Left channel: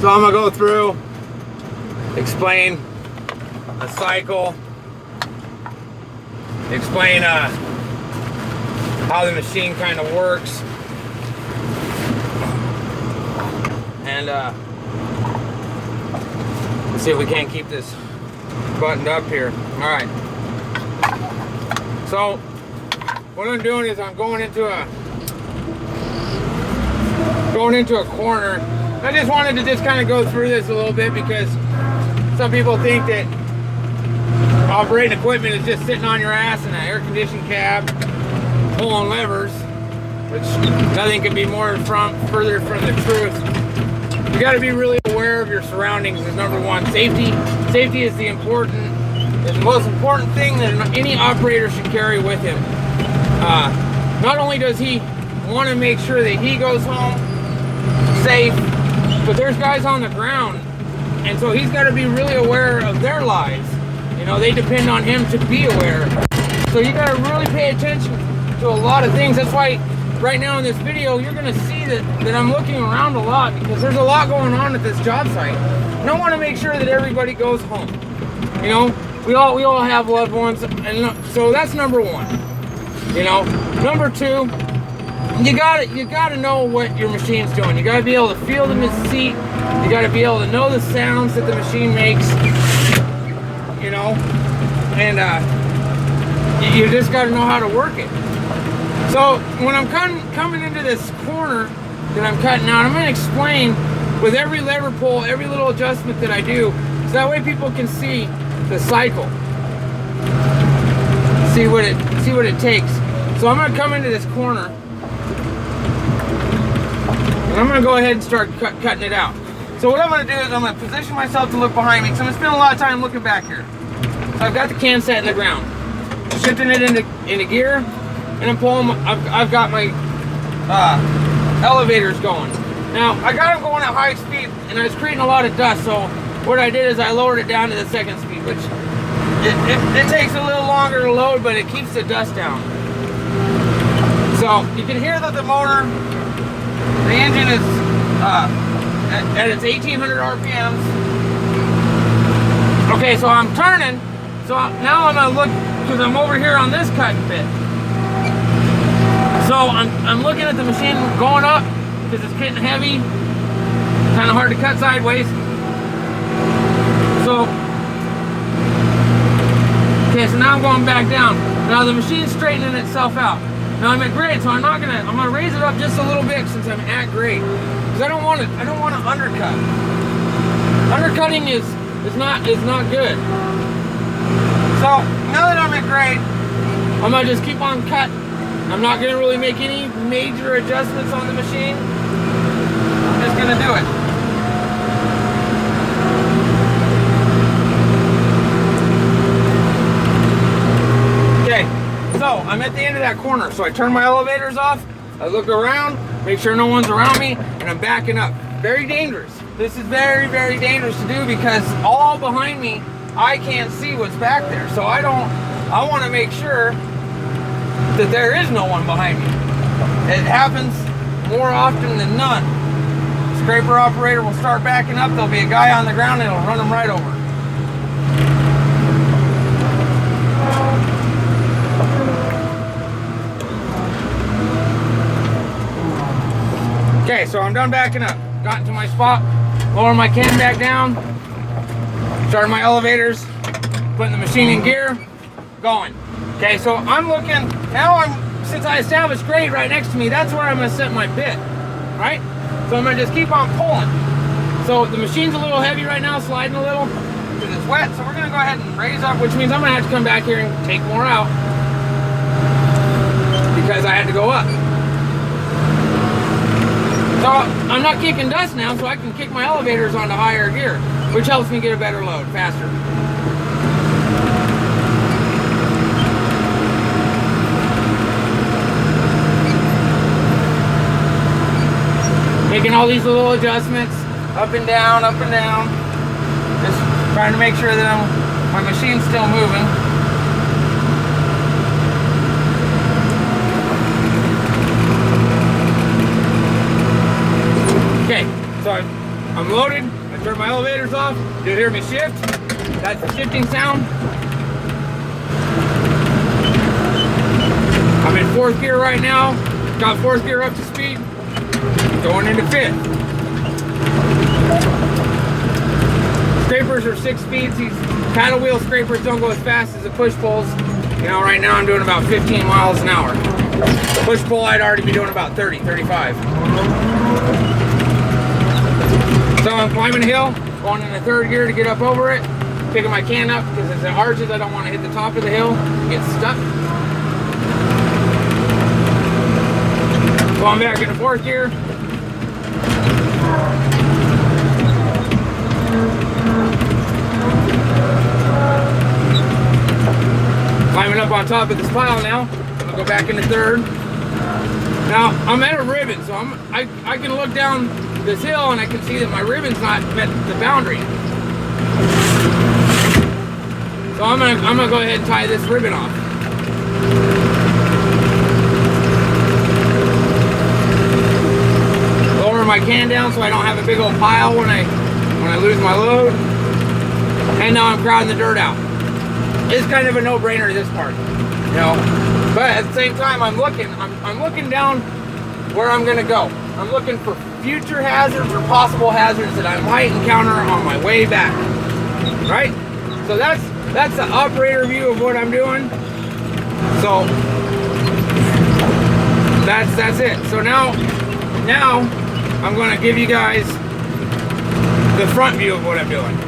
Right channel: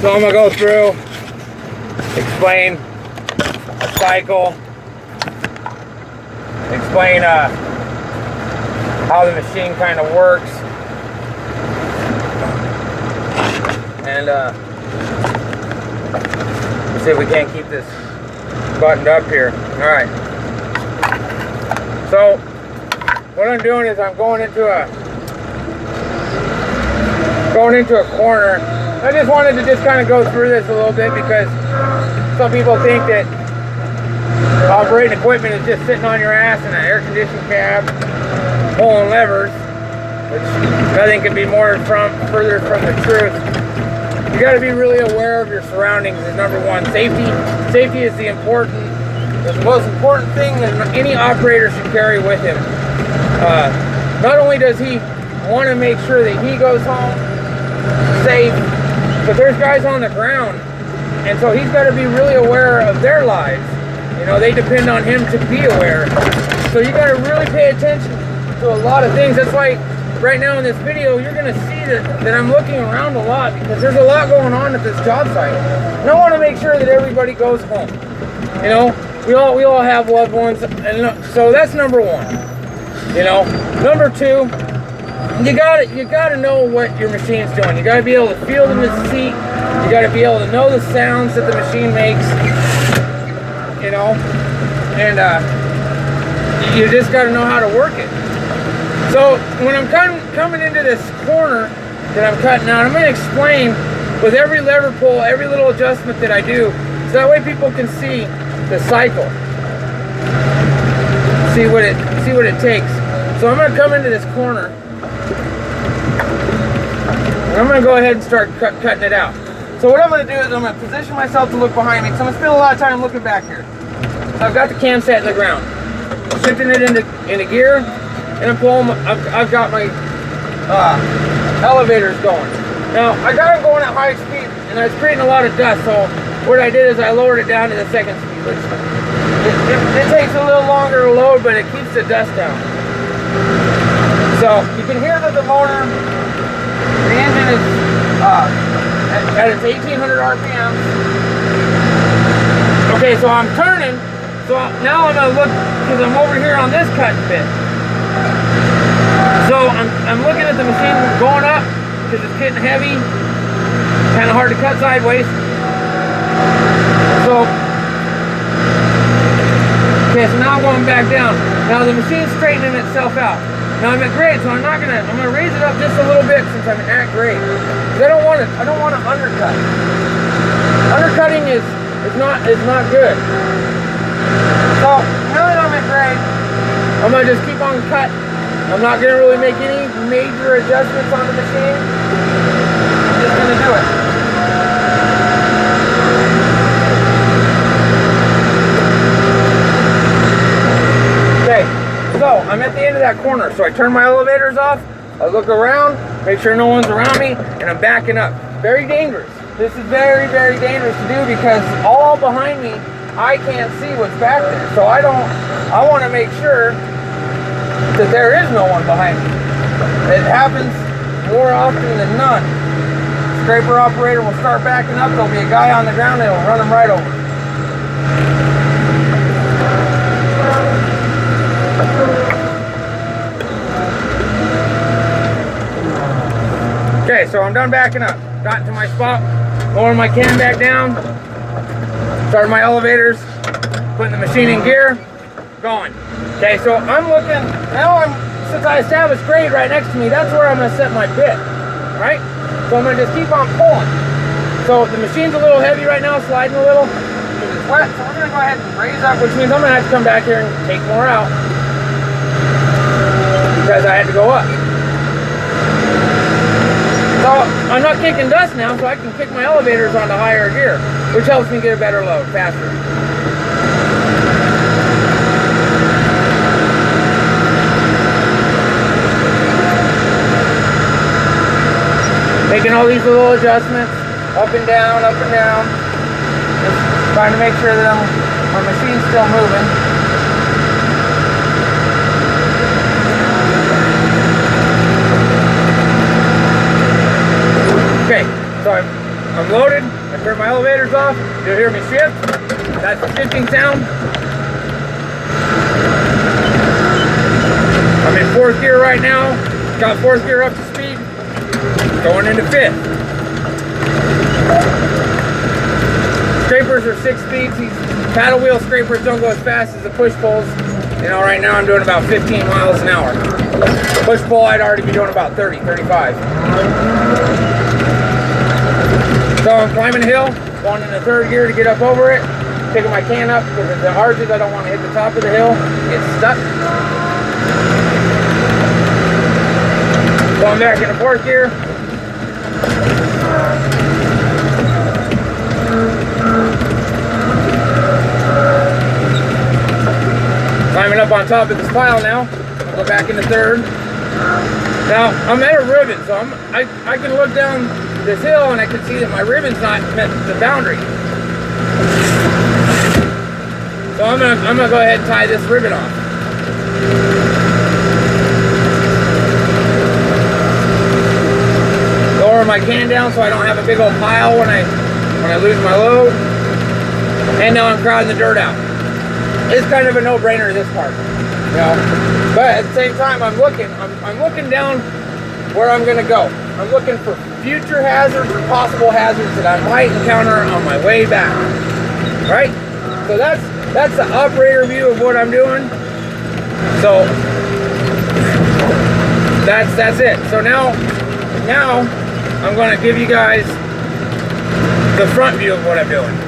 So I'm gonna go through, explain a cycle, explain how the machine kind of works, and let's see if we can't keep this buttoned up here. All right. So what I'm doing is I'm going into a corner. I just wanted to just kind of go through this a little bit because some people think that operating equipment is just sitting on your ass in an air-conditioned cab, pulling levers, which nothing could be further from the truth. You got to be really aware of your surroundings. Is number one. Safety is the most important thing that any operator should carry with him. Not only does he want to make sure that he goes home safe, but there's guys on the ground, and so he's got to be really aware of their lives. You know, they depend on him to be aware. So you got to really pay attention to a lot of things. That's why right now in this video, you're going to see that I'm looking around a lot because there's a lot going on at this job site. And I want to make sure that everybody goes home. You know, we all have loved ones, and so that's number one. You know, number two, you gotta know what your machine's doing. You gotta be able to feel the seat. You gotta be able to know the sounds that the machine makes. You know, and you just gotta know how to work it. So when I'm coming into this corner that I'm cutting out, I'm gonna explain with every lever pull, every little adjustment that I do, so that way people can see the cycle, see what it takes. So I'm gonna come into this corner, and I'm gonna go ahead and start cutting it out. So what I'm gonna do is I'm gonna position myself to look behind me, because I'm gonna spend a lot of time looking back here. So I've got the cam set in the ground, shifting it into gear, and I'm pulling. I've got my elevators going. Now I got them going at high speed, and I was creating a lot of dust. So what I did is I lowered it down to the second speed, which it takes a little longer to load, but it keeps the dust down. So you can hear that the motor, the engine is at its 1800 RPMs. Okay, so I'm turning. So now I'm gonna look, because I'm over here on this cutting bit. So I'm looking at the machine going up because it's getting heavy, kind of hard to cut sideways. So okay, so now I'm going back down. Now the machine's straightening itself out. Now I'm at grade, so I'm gonna raise it up just a little bit since I'm at grade. Because I don't want to undercut. Undercutting is not good. So now that I'm at grade, I'm gonna just keep on cutting. I'm not gonna really make any major adjustments on the machine. I'm just gonna do it. So I'm at the end of that corner, so I turn my elevators off, I look around, make sure no one's around me, and I'm backing up. Very dangerous. This is very, very dangerous to do because all behind me, I can't see what's back there. So I want to make sure that there is no one behind me. It happens more often than none. Scraper operator will start backing up, there'll be a guy on the ground and it'll run him right over. Okay, so I'm done backing up. Got into my spot, lowering my can back down, starting my elevators, putting the machine in gear, going. Okay, so I'm looking, since I established grade right next to me, that's where I'm gonna set my bit, right? So I'm gonna just keep on pulling. So the machine's a little heavy right now, sliding a little, because it's wet, so we're gonna go ahead and raise up, which means I'm gonna have to come back here and take more out, because I had to go up. So I'm not kicking dust now, so I can kick my elevators onto higher gear, which helps me get a better load, faster. Making all these little adjustments, up and down, just trying to make sure that my machine's still moving. Okay, so I'm loaded. I turn my elevators off. You'll hear me shift. That's the shifting sound. I'm in 4th gear right now. Got 4th gear up to speed. Going into 5th. Scrapers are 6 speeds. These paddle wheel scrapers don't go as fast as the push poles. You know, right now I'm doing about 15 miles an hour. Push pull, I'd already be doing about 30, 35. So I'm climbing a hill, going into 3rd gear to get up over it. Picking my can up because if it arches, I don't want to hit the top of the hill. Get stuck. Going back into 4th gear. Climbing up on top of this pile now. I'll go back into 3rd. Now I'm at a ribbon, so I can look down this hill and I can see that my ribbon's not met the boundary. So I'm gonna go ahead and tie this ribbon off. Lower my can down so I don't have a big old pile when I lose my load. And now I'm crowding the dirt out. It's kind of a no-brainer, this part, you know. But at the same time, I'm looking down where I'm gonna go. I'm looking for future hazards or possible hazards that I might encounter on my way back. Right? So that's the operator view of what I'm doing. So that's it. So now I'm gonna give you guys the front view of what I'm doing.